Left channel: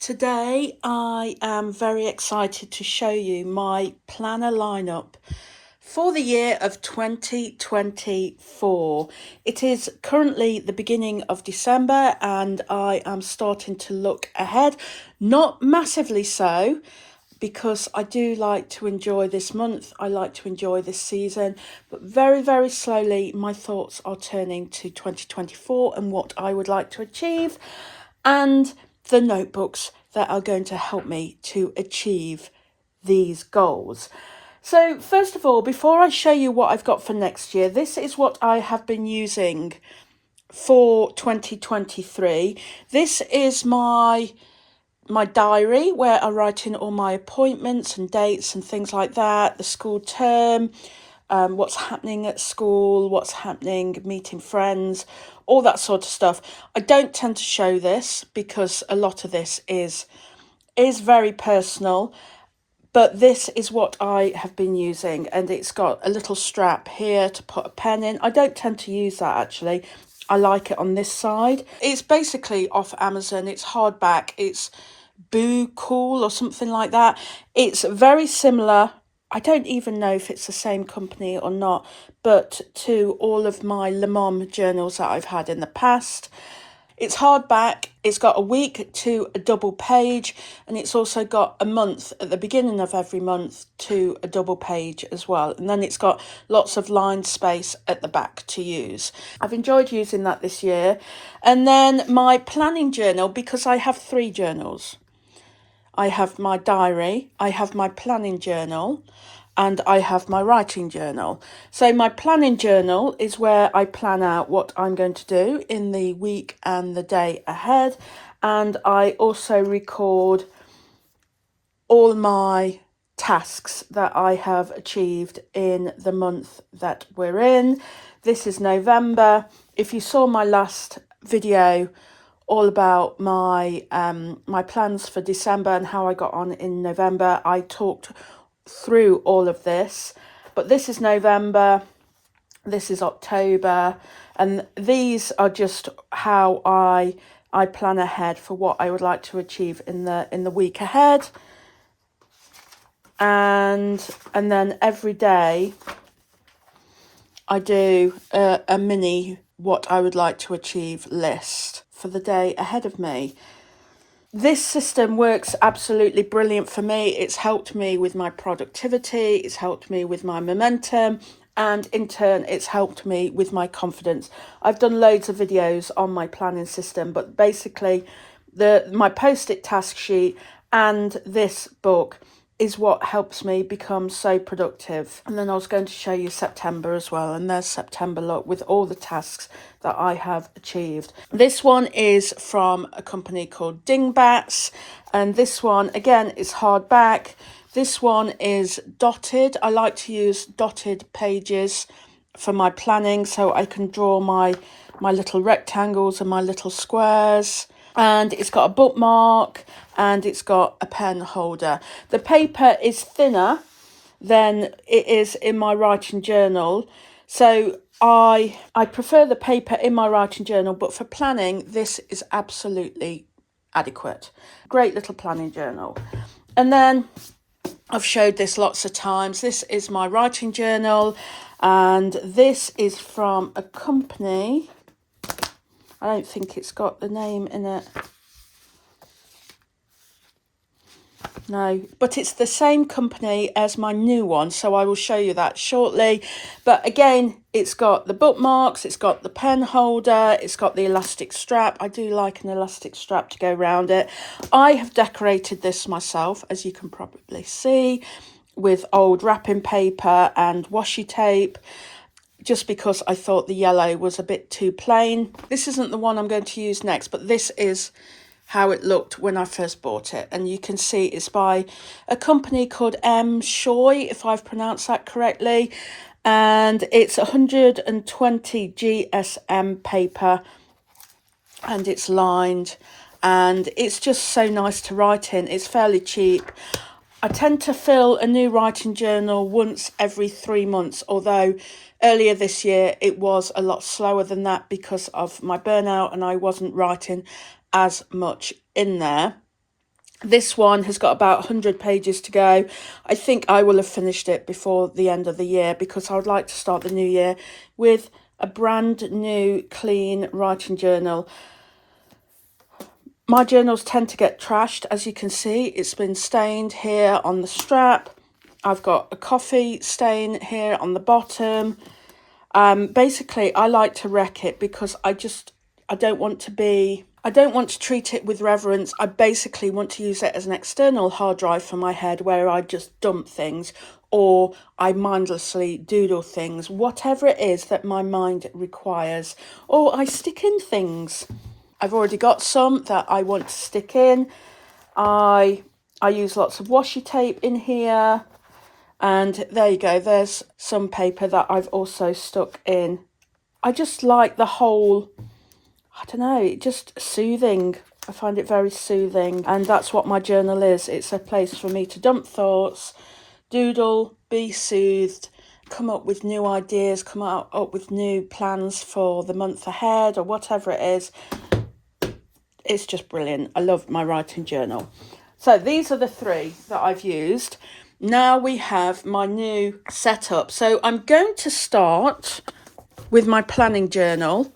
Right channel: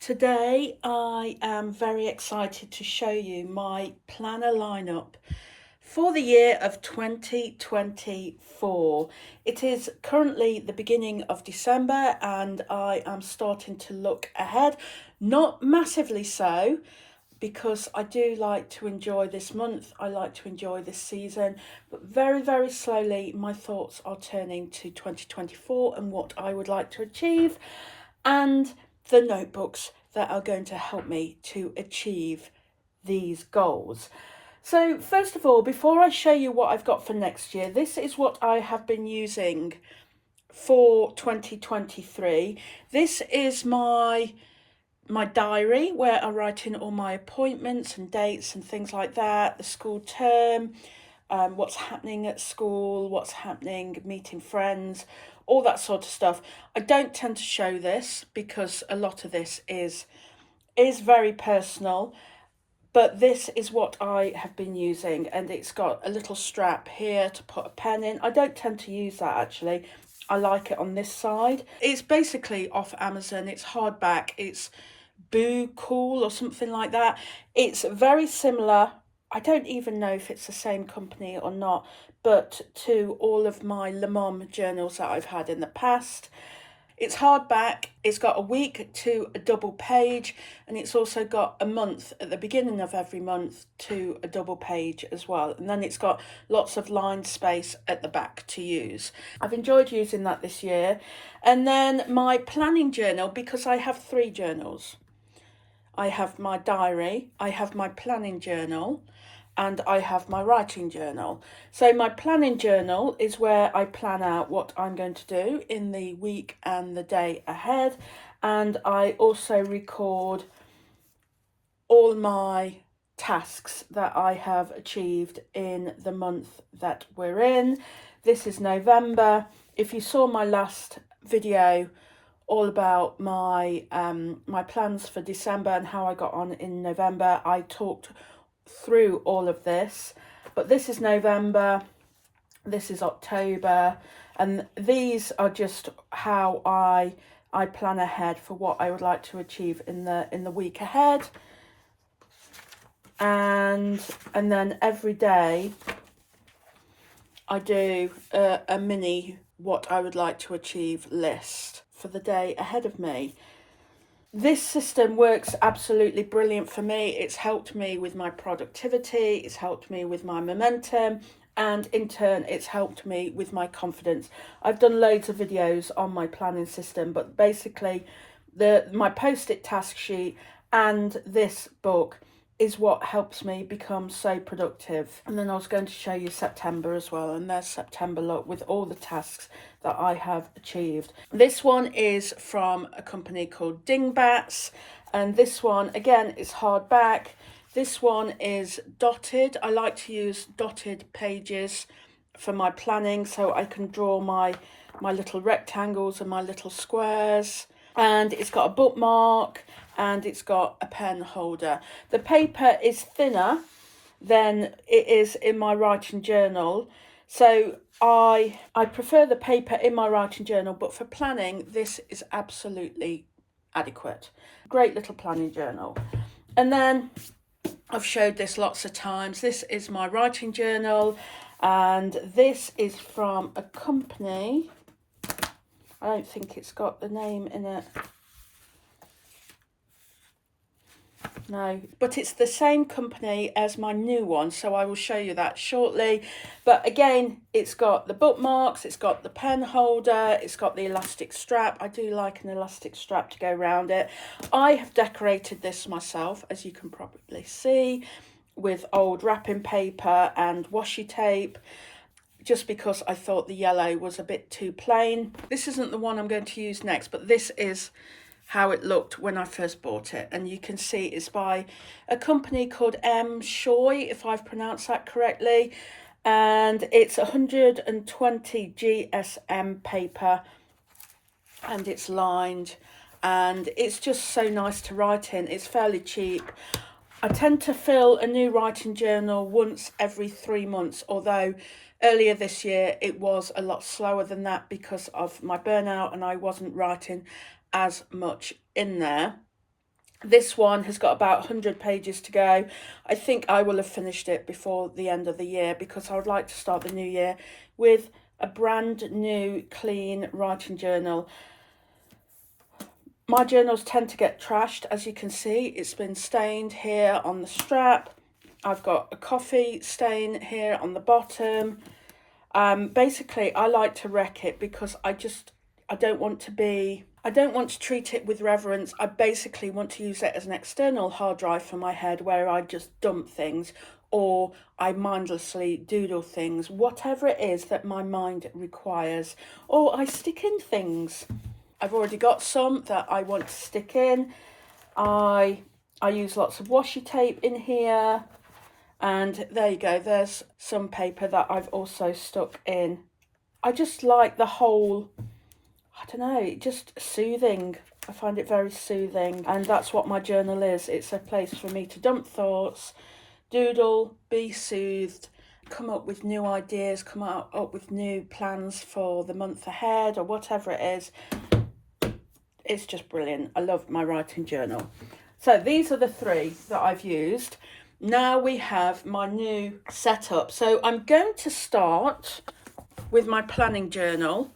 Today I am very excited to show you my planner lineup for the year of 2024. It is currently the beginning of December and I am starting to look ahead, not massively so, because I do like to enjoy this month, I like to enjoy this season, but very, very slowly my thoughts are turning to 2024 and what I would like to achieve, and the notebooks that are going to help me to achieve these goals. So first of all, before I show you what I've got for next year, this is what I have been using for 2023. This is my diary where I write in all my appointments and dates and things like that, the school term, what's happening at school, what's happening, meeting friends, all that sort of stuff. I don't tend to show this because a lot of this is very personal, but this is what I have been using, and it's got a little strap here to put a pen in. I don't tend to use that actually. I like it on this side. It's basically off Amazon. It's hardback. It's Boo Cool or something like that. It's very similar. I don't even know if it's the same company or not, but to all of my Le Mans journals that I've had in the past. It's hardback, it's got a week to a double page, and it's also got a month at the beginning of every month to a double page as well. And then it's got lots of line space at the back to use. I've enjoyed using that this year. And then my planning journal, because I have 3 journals. I have my diary, I have my planning journal, and I have my writing journal. So my planning journal is where I plan out what I'm going to do in the week and the day ahead. And I also record all my tasks that I have achieved in the month that we're in. This is November. If you saw my last video all about my my plans for December and how I got on in November, I talked through all of this. But this is November, this is October, and these are just how I plan ahead for what I would like to achieve in the week ahead. And then every day I do a mini what I would like to achieve list for the day ahead of me. This system works absolutely brilliant for me. It's helped me with my productivity, it's helped me with my momentum, and in turn it's helped me with my confidence. I've done loads of videos on my planning system, but basically my post-it task sheet and this book is what helps me become so productive. And then I was going to show you September as well, and there's September look with all the tasks that I have achieved. This one is from a company called Dingbats, and this one again is hardback. This one is dotted. I like to use dotted pages for my planning so I can draw my little rectangles and my little squares. And it's got a bookmark and it's got a pen holder. The paper is thinner than it is in my writing journal, so I prefer the paper in my writing journal, but for planning this is absolutely adequate. Great little planning journal. And then I've showed this lots of times. This is my writing journal, and this is from a company. I don't think it's got the name in it. No, but it's the same company as my new one, so I will show you that shortly. But again, it's got the bookmarks, it's got the pen holder, it's got the elastic strap. I do like an elastic strap to go around it. I have decorated this myself, as you can probably see, with old wrapping paper and washi tape, just because I thought the yellow was a bit too plain. This isn't the one I'm going to use next, but this is how it looked when I first bought it. And you can see it's by a company called M. Shoy, if I've pronounced that correctly. And it's 120 GSM paper, and it's lined, and it's just so nice to write in. It's fairly cheap. I tend to fill a new writing journal once every 3 months, although earlier this year it was a lot slower than that because of my burnout and I wasn't writing as much in there. This one has got about 100 pages to go. I think I will have finished it before the end of the year, because I would like to start the new year with a brand new clean writing journal. My journals tend to get trashed, as you can see. It's been stained here on the strap. I've got a coffee stain here on the bottom. Basically, I like to wreck it because I don't want to treat it with reverence. I basically want to use it as an external hard drive for my head, where I just dump things or I mindlessly doodle things, whatever it is that my mind requires, or I stick in things. I've already got some that I want to stick in. I use lots of washi tape in here. And there you go, there's some paper that I've also stuck in. I just like the whole, I don't know, just soothing. I find it very soothing, and that's what my journal is. It's a place for me to dump thoughts, doodle, be soothed, come up with new ideas, come up with new plans for the month ahead or whatever it is. It's just brilliant. I love my writing journal. So these are the three that I've used. Now we have my new setup. So I'm going to start with my planning journal,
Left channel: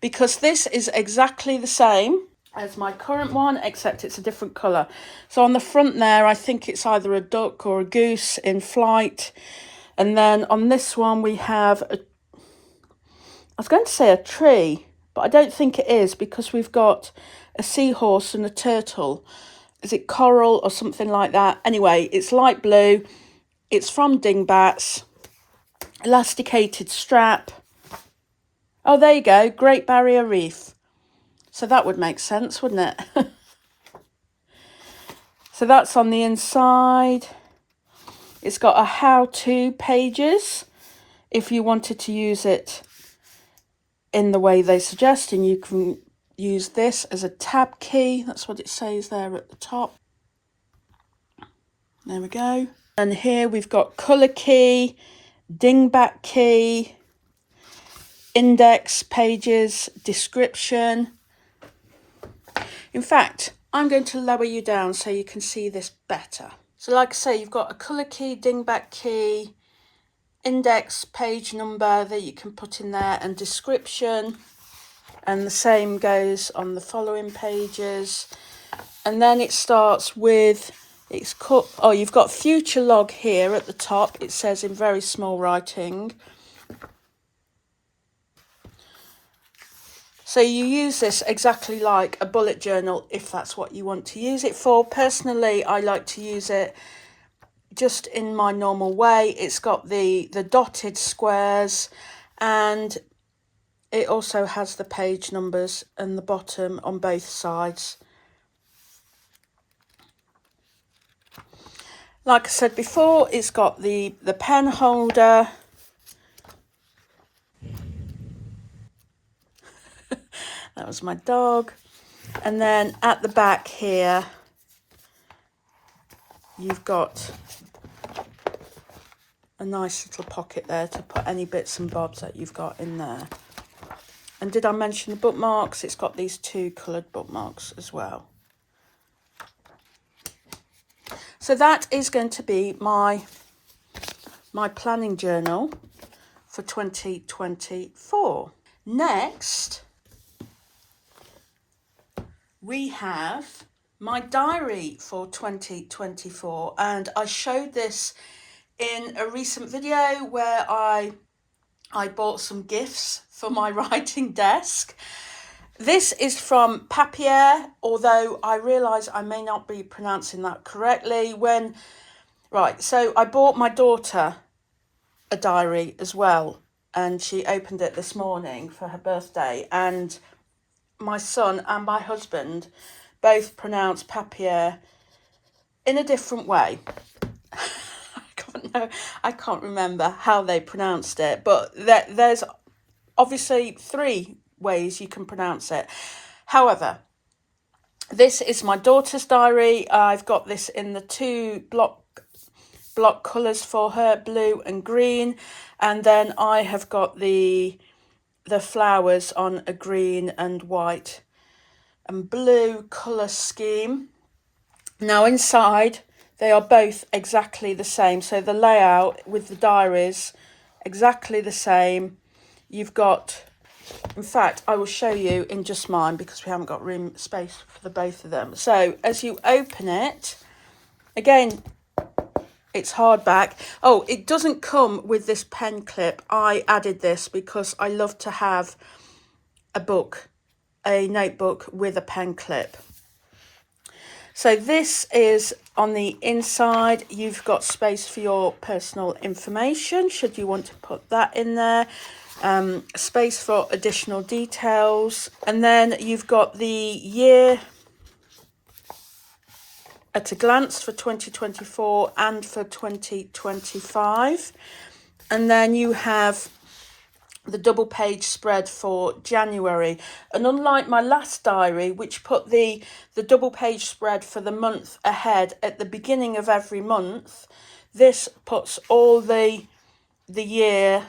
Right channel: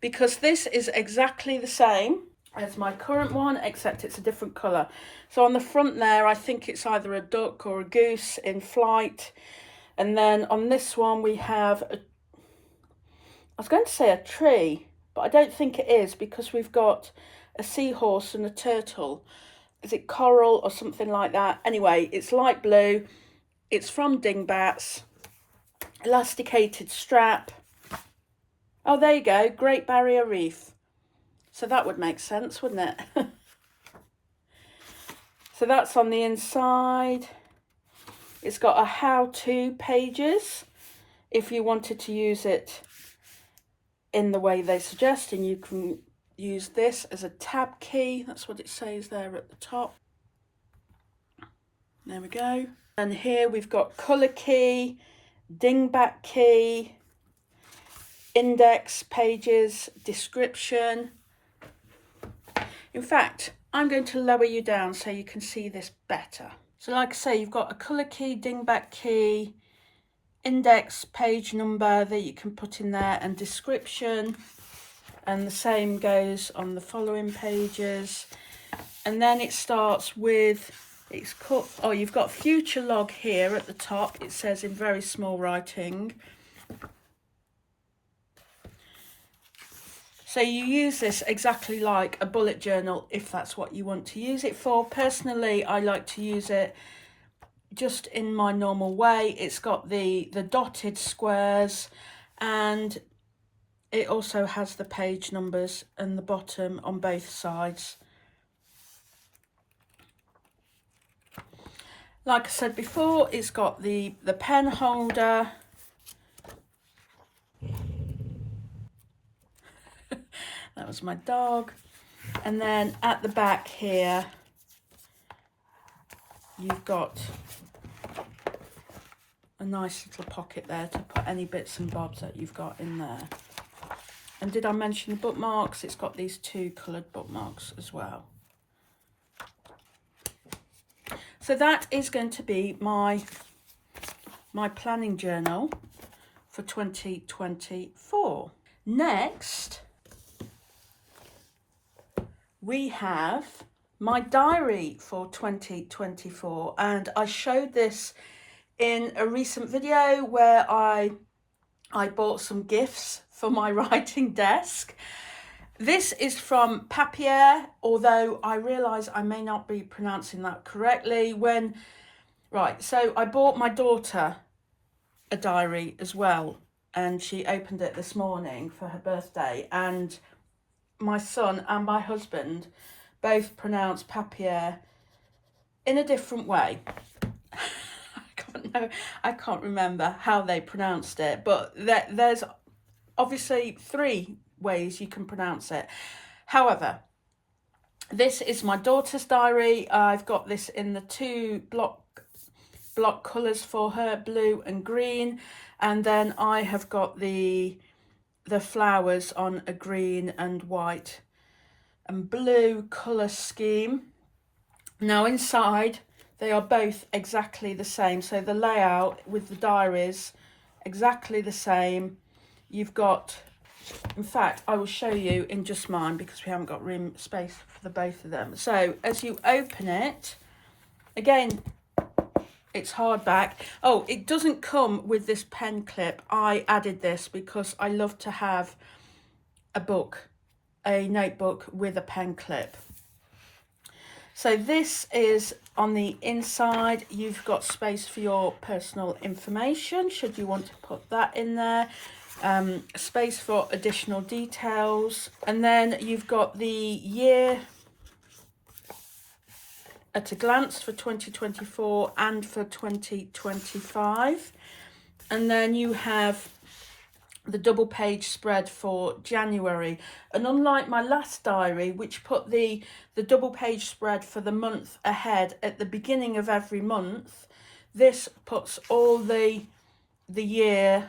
because this is exactly the same as my current one, except it's a different colour. So on the front there, I think it's either a duck or a goose in flight. And then on this one we have I was going to say a tree, but I don't think it is, because we've got a seahorse and a turtle. Is it coral or something like that? Anyway, it's light blue. It's from Dingbats. Elasticated strap. Oh, there you go. Great Barrier Reef. So that would make sense, wouldn't it? So that's on the inside. It's got a how-to pages if you wanted to use it in the way they suggest, and you can use this as a tab key. That's what it says there at the top. There we go. And here we've got colour key, dingbat key, index pages, description. In fact, I'm going to lower you down so you can see this better. So like I say, you've got a colour key, dingbat key, index page number that you can put in there, and description. And the same goes on the following pages. And then it starts with, you've got future log here at the top. It says in very small writing. So you use this exactly like a bullet journal if that's what you want to use it for. Personally, I like to use it just in my normal way. It's got the dotted squares, and it also has the page numbers and the bottom on both sides. Like I said before, it's got the pen holder. That was my dog. And then at the back here, you've got a nice little pocket there to put any bits and bobs that you've got in there. And did I mention the bookmarks? It's got these two coloured bookmarks as well. So that is going to be my planning journal for 2024. Next, we have my diary for 2024, and I showed this in a recent video where I bought some gifts for my writing desk. This is from Papier, although I realise I may not be pronouncing that correctly. So I bought my daughter a diary as well, and she opened it this morning for her birthday, and my son and my husband both pronounce Papier in a different way. I can't remember how they pronounced it, but there's obviously three ways you can pronounce it. However, this is my daughter's diary. I've got this in the two block colours for her, blue and green, and then I have got the flowers on a green and white and blue colour scheme. Now inside, they are both exactly the same. So the layout with the diaries, exactly the same. You've got, in fact, I will show you in just mine because we haven't got space for the both of them. So as you open it, again, it's hardback. Oh, it doesn't come with this pen clip. I added this because I love to have a notebook with a pen clip. So this is on the inside. You've got space for your personal information, should you want to put that in there. Space for additional details. And then you've got the year at a glance for 2024 and for 2025. And then you have the double page spread for January. And unlike my last diary, which put the double page spread for the month ahead at the beginning of every month, this puts all the year,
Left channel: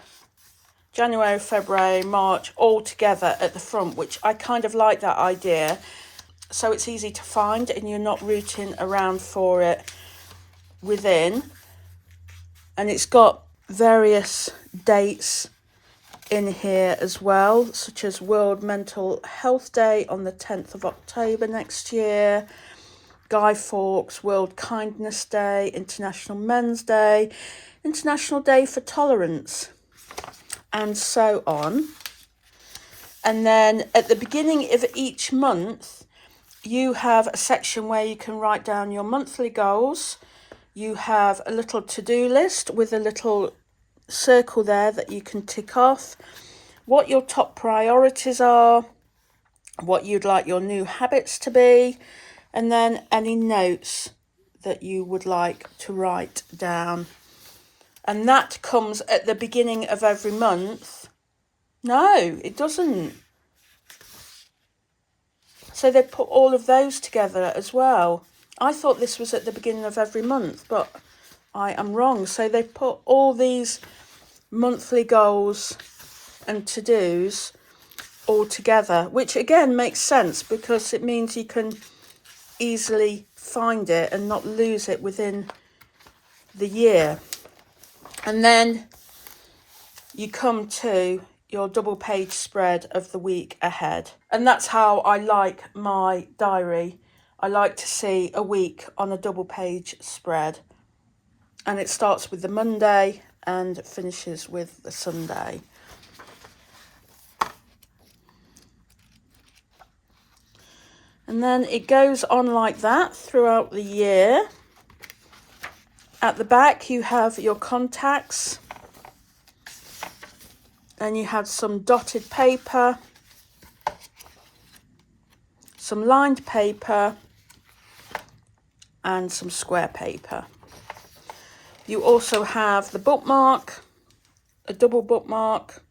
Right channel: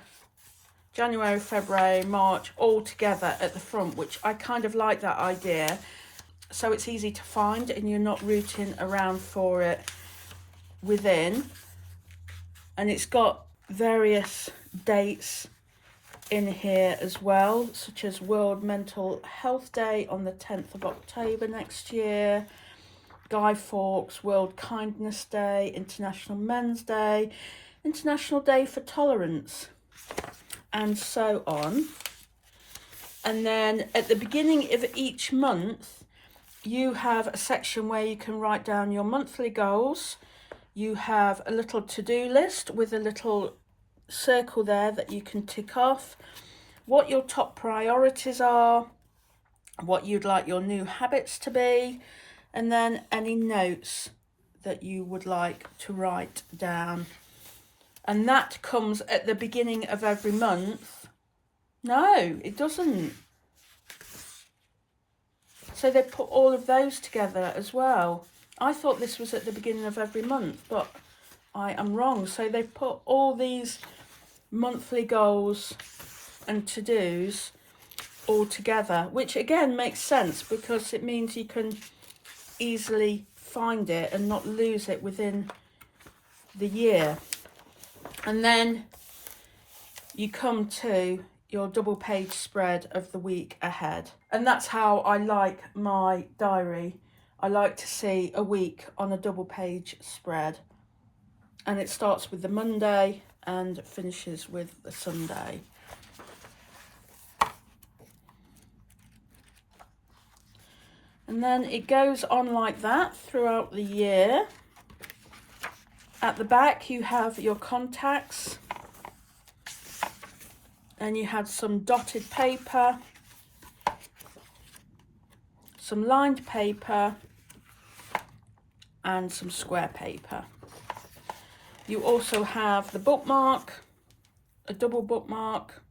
January, February, March, all together at the front, which I kind of like that idea. So it's easy to find and you're not rooting around for it within. And it's got various dates in here as well, such as World Mental Health Day on the 10th of October next year, Guy Fawkes World Kindness Day, International Men's Day, International Day for Tolerance, and so on. And then at the beginning of each month, you have a section where you can write down your monthly goals. You have a little to-do list with a little circle there that you can tick off, what your top priorities are, what you'd like your new habits to be, and then any notes that you would like to write down. And that comes at the beginning of every month. No, it doesn't. So they put all of those together as well. I thought this was at the beginning of every month, but I am wrong. So they put all these monthly goals and to-dos all together, which again makes sense because it means you can easily find it and not lose it within the year. And then you come to your double page spread of the week ahead. And that's how I like my diary. I like to see a week on a double page spread. And it starts with the Monday and finishes with the Sunday. And then it goes on like that throughout the year. At the back you have your contacts, and you had some dotted paper, some lined paper, and some square paper. You also have the bookmark, a double bookmark,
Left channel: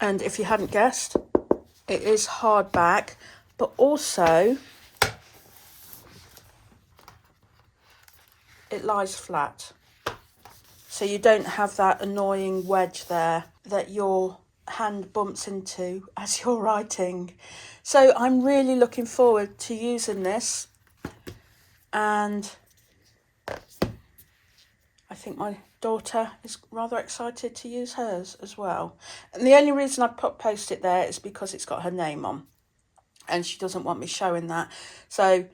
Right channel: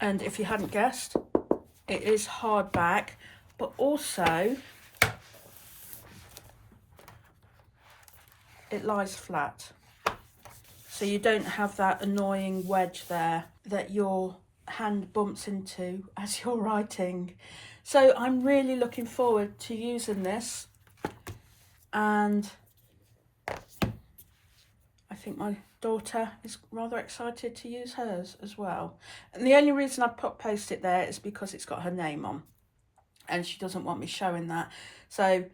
and if you hadn't guessed, it is hardback, but also it lies flat. So you don't have that annoying wedge there that your hand bumps into as you're writing. So I'm really looking forward to using this, and I think my daughter is rather excited to use hers as well. And the only reason I put post-it there is because it's got her name on and she doesn't want me showing that. So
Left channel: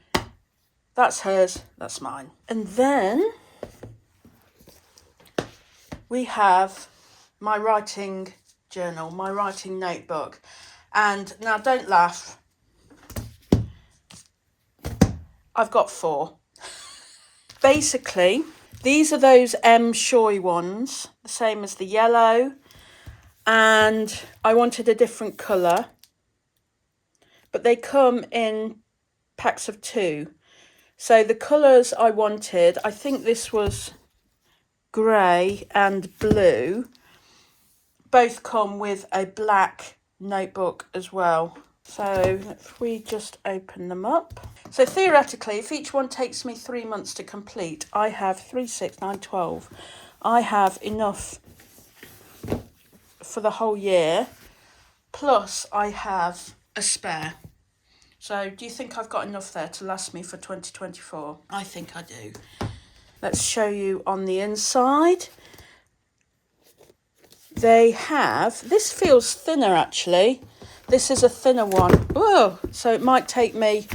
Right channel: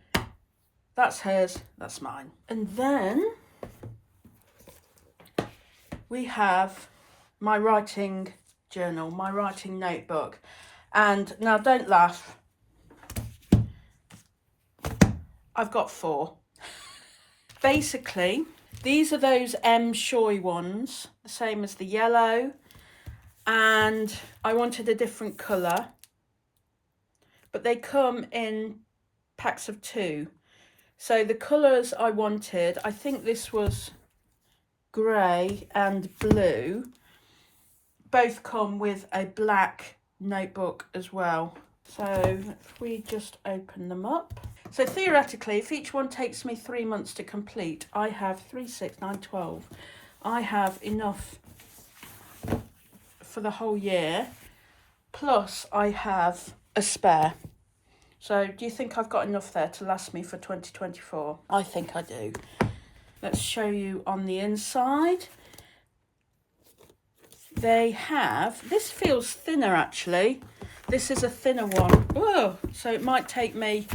that's hers, that's mine. And then we have my writing journal, my writing notebook. And now don't laugh, I've got 4. Basically, these are those M. Shoy ones, the same as the yellow, and I wanted a different colour, but they come in packs of 2. So the colours I wanted, I think this was grey and blue, both come with a black notebook as well. So if we just open them up. So theoretically, if each one takes me 3 months to complete, I have 3, 6, 9, 12. I have enough for the whole year, plus I have a spare, So do you think I've got enough there to last me for 2024? I think I do. Let's show you on the inside. They have, this feels thinner actually. This is a thinner one. Whoa, so it might take me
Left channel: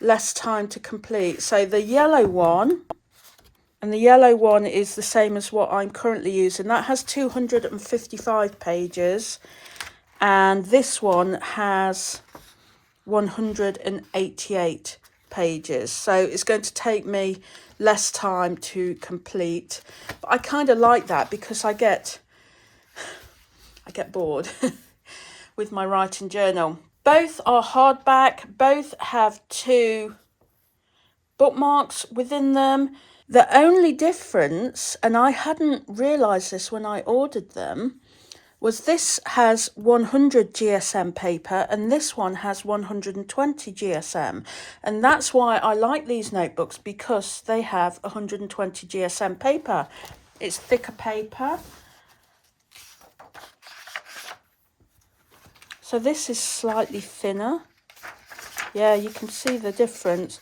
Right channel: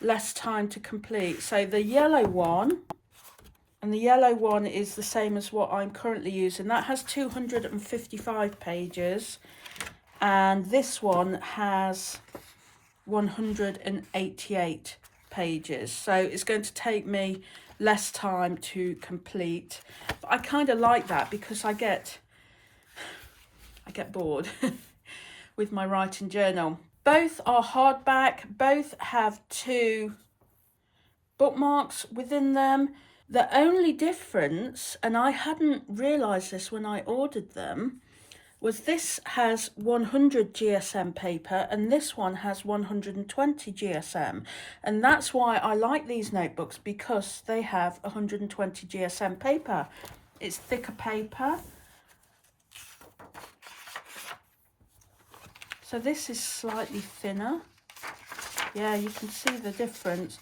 less time to complete. So the yellow one, and the yellow one is the same as what I'm currently using. That has 255 pages. And this one has 188 pages. So it's going to take me less time to complete. But I kind of like that because I get bored with my writing journal. Both are hardback. Both have 2 bookmarks within them. The only difference, and I hadn't realised this when I ordered them, was this has 100 GSM paper and this one has 120 GSM. And that's why I like these notebooks, because they have 120 GSM paper. It's thicker paper. So this is slightly thinner. Yeah, you can see the difference.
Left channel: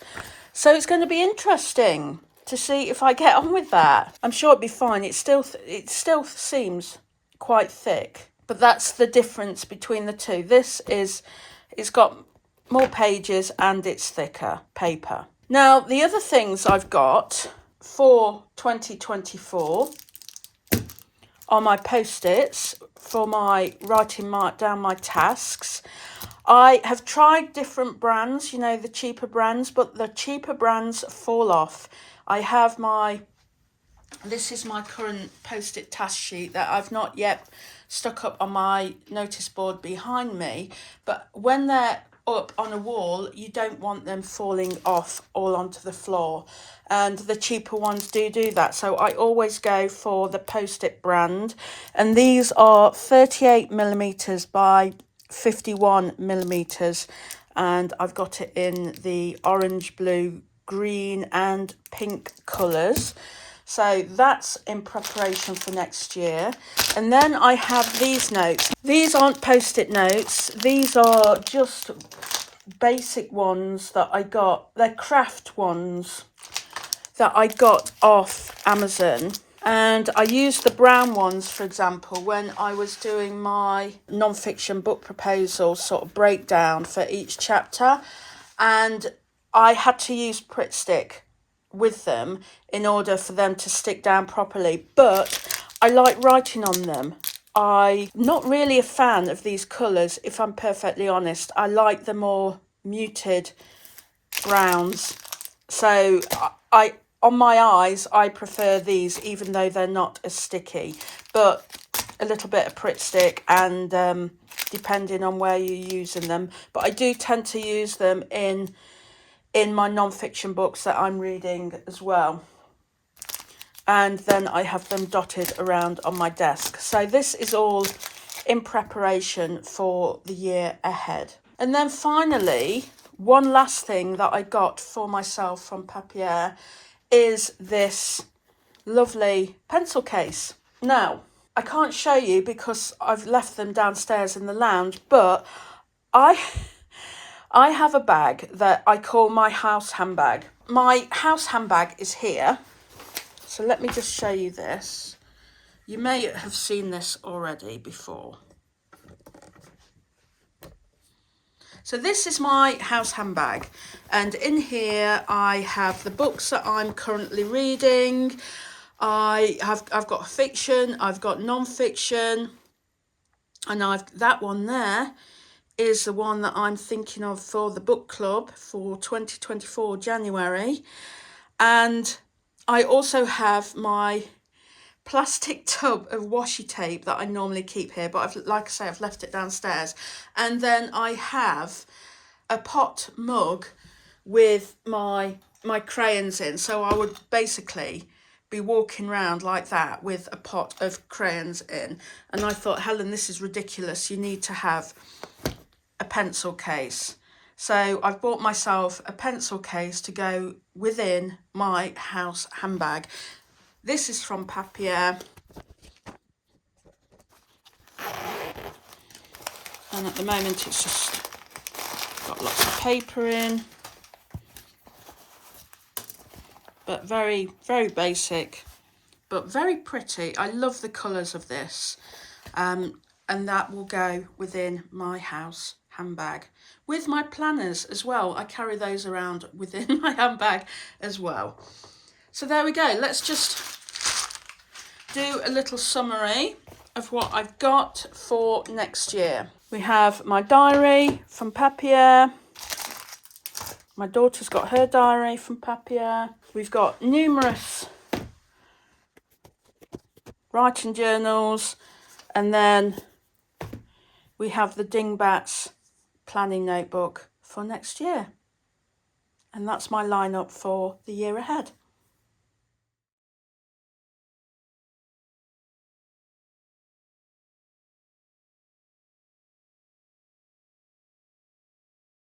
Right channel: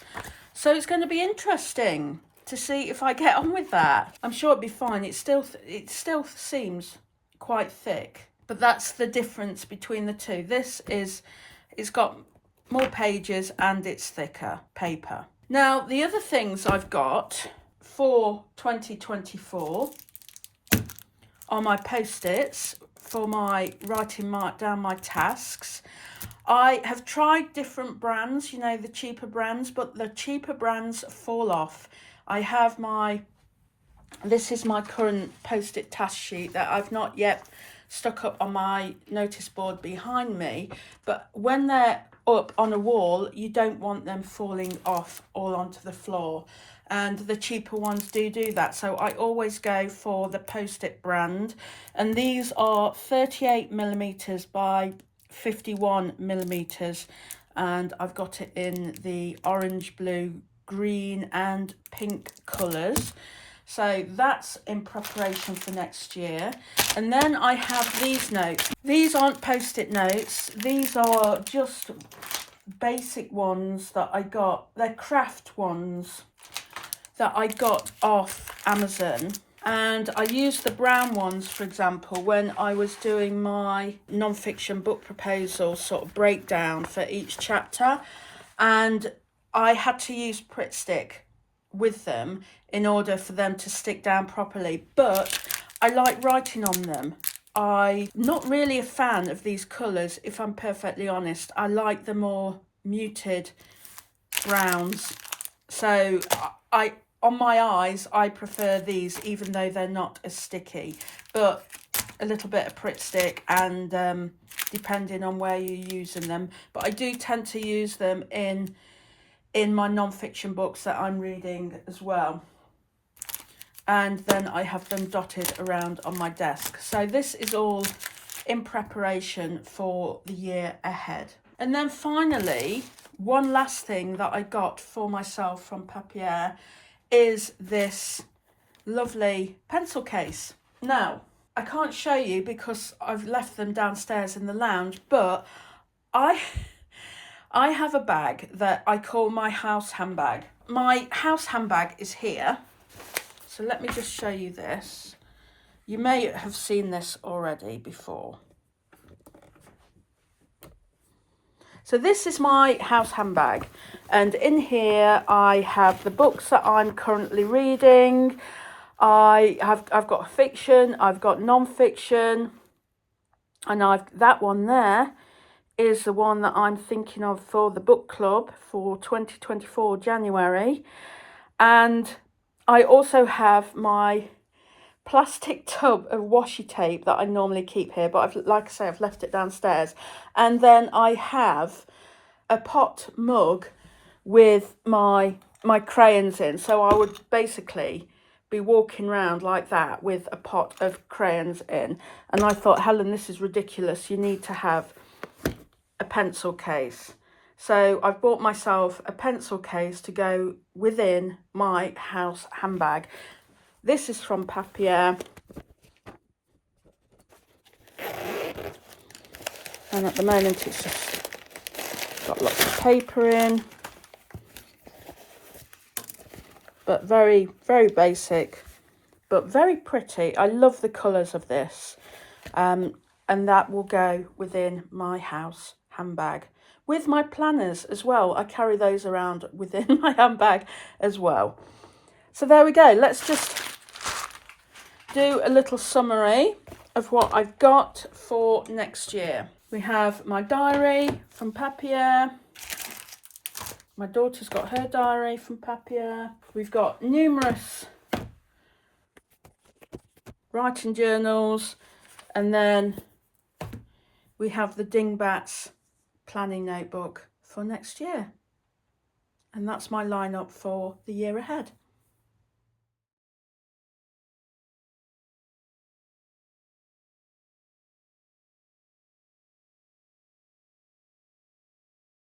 So it's going to be interesting to see if I get on with that. I'm sure it'll be fine. It still seems quite thick, but that's the difference between the two. This is, it's got more pages and it's thicker paper. Now, the other things I've got for 2024 are my post-its for my writing down my tasks. I have tried different brands, you know, the cheaper brands, but the cheaper brands fall off. I have this is my current post-it task sheet that I've not yet stuck up on my notice board behind me, but when they're up on a wall, you don't want them falling off all onto the floor, and the cheaper ones do that. So I always go for the post-it brand, and these are 38 millimeters by 51 millimeters, and I've got it in the orange, blue, green and pink colours. So that's in preparation for next year. And then I have these notes. These aren't post-it notes. These are just basic ones that I got. They're craft ones that I got off Amazon. And I used the brown ones, for example, when I was doing my non-fiction book proposal sort of breakdown for each chapter. And I had to use Pritt Stick with them in order for them to stick down properly, but I like writing on them. I'm not really a fan of these colours, if I'm perfectly honest. I like the more muted browns. So on my eyes, I prefer these, even though they're not as sticky, but a little bit of Pritt Stick, and depending on where you're using them. But I do tend to use them in my non-fiction books that I'm reading as well. And then I have them dotted around on my desk. So this is all in preparation for the year ahead. And then finally, one last thing that I got for myself from Papier is this lovely pencil case. Now, I can't show you because I've left them downstairs in the lounge, but I have a bag that I call my house handbag. My house handbag is here. So let me just show you this. You may have seen this already before. So this is my house handbag. And in here I have the books that I'm currently reading. I've got fiction, I've got non-fiction, and that one there is the one that I'm thinking of for the book club for 2024 January. And I also have my plastic tub of washi tape that I normally keep here, but like I say, I've left it downstairs. And then I have a pot mug with my crayons in. So I would basically be walking around like that with a pot of crayons in. And I thought, Helen, this is ridiculous. You need to have a pencil case. So I've bought myself a pencil case to go within my house handbag. This is from Papier. And at the moment it's just Got lots of paper in, but very, very basic, but very pretty. I love the colours of this. And that will go within my house handbag with my planners as well. I carry those around within my handbag as well. So there we go. Let's just do a little summary of what I've got for next year. We have my diary from Papier. My daughter's got her diary from Papier. We've got numerous writing journals, and then we have the Dingbats planning notebook for next year. And that's my lineup for the year ahead.